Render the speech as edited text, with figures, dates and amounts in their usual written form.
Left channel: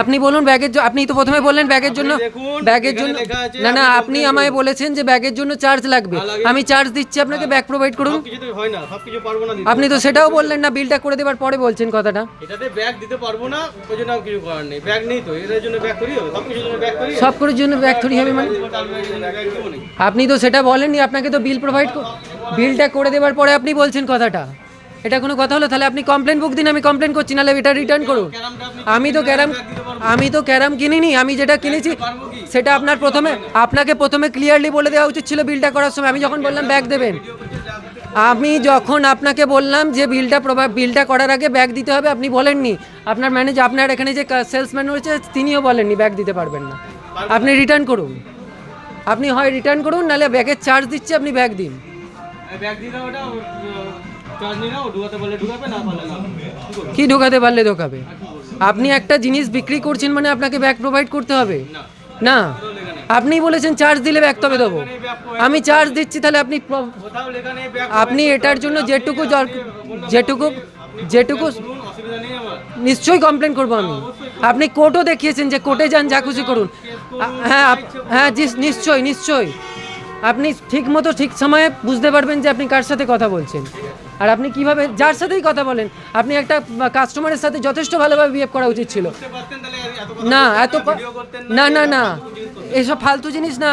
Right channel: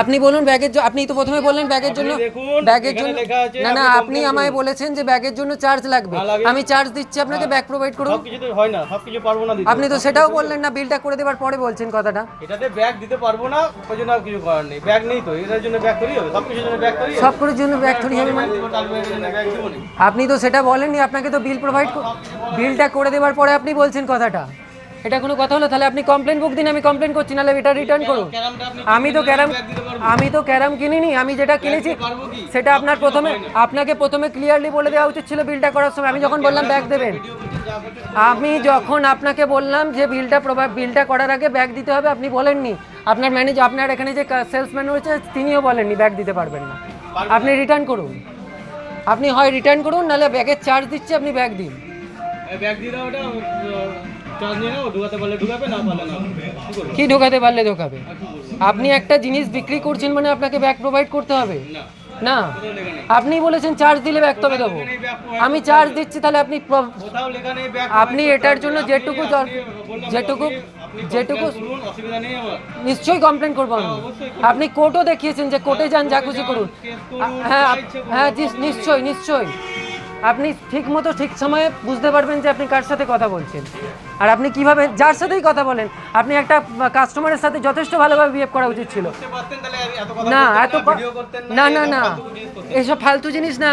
আপনি বলুন ব্যাগের জন্য, আপনি তো প্রথমে বললেন ব্যাগের জন্য, না না আপনি আমায় বলেছেন যে ব্যাগের জন্য চার্জ লাগবে, আমি চার্জ দিচ্ছি আপনাকে, ব্যাগ প্রোভাইড করুন। হয় না, সবকিছু পারবো না দিতে। আপনি তো সেটাও বললেন না, বিলটা করে দেওয়ার পরে বলছেন কথাটা। এটাতে ব্যাগ দিতে পারবো না, ওই জন্য কিছু করার নেই। ব্যাগ নেই তো, এটার জন্য ব্যাগ করি হবে, সবকিছুর জন্য ব্যাগ করি, সব কিছুর জন্য ব্যাগ থরি হবে মানে আপনি তো সেটা বলেননি, আপনাকে তো বিল প্রোভাইড, বিলটা করে দেওয়ার পরে আপনি বলছেন কথাটা, এটা কোনো কথা হলো? তাহলে আপনি কমপ্লেন বুক দিন, আমি কমপ্লেন করছি, নাহলে এটা রিটার্ন করুন। আমি তো ক্যারাম কিনিনি, আমি যেটা কিনেছি সেটা আপনাকে প্রথমে ক্লিয়ারলি বলে দেওয়া উচিত ছিল বিলটা করার সময়। আমি যখন বললাম ব্যাগ দেবেন, আমি যখন আপনাকে বললাম যে বিলটা করার আগে ব্যাগ দিতে হবে, আপনি বলেননি। আপনার ম্যানেজার, আপনার এখানে যে সেলসম্যান রয়েছে তিনিও বলেননি ব্যাগ দিতে পারবেন না। আপনি রিটার্ন করুন, আপনি হয় রিটার্ন করুন, নাহলে ব্যাগের চার্জ দিচ্ছি, আপনি ব্যাগ দিন। ব্যাগ দিয়ে দাও, ওটা চার্জ নিয়ে নাও, ঢুকাতে পারলে ঢুকাবে, না পারলে না। কি ঢোকাতে পারলে ঢোকাবে? আপনি একটা জিনিস বিক্রি করছেন মানে আপনাকে ব্যাগ প্রোভাইড করতে হবে না? আপনি বলেছেন চার্জ দিলে ব্যাগ তবে দেবো, আমি চার্জ দিচ্ছি, তাহলে আপনি এটার জন্য যেটুকু নিশ্চয়ই কমপ্লেন করবো আমি। আপনি কোর্টও দেখিয়েছেন যে কোর্টে যান, যা খুশি করুন। হ্যাঁ হ্যাঁ নিশ্চয়ই আপনি ঠিক মতো ঠিক সময়ে বুঝতে পারবেন যে আপনি কার সাথে কথা বলছেন, আর আপনি কিভাবে যার সাথেই কথা বলেন। আপনি একটা কাস্টমারের সাথে যথেষ্ট ভালোভাবে বিহেভ করা উচিত ছিল। না এত না এসব ফালতু জিনিস না।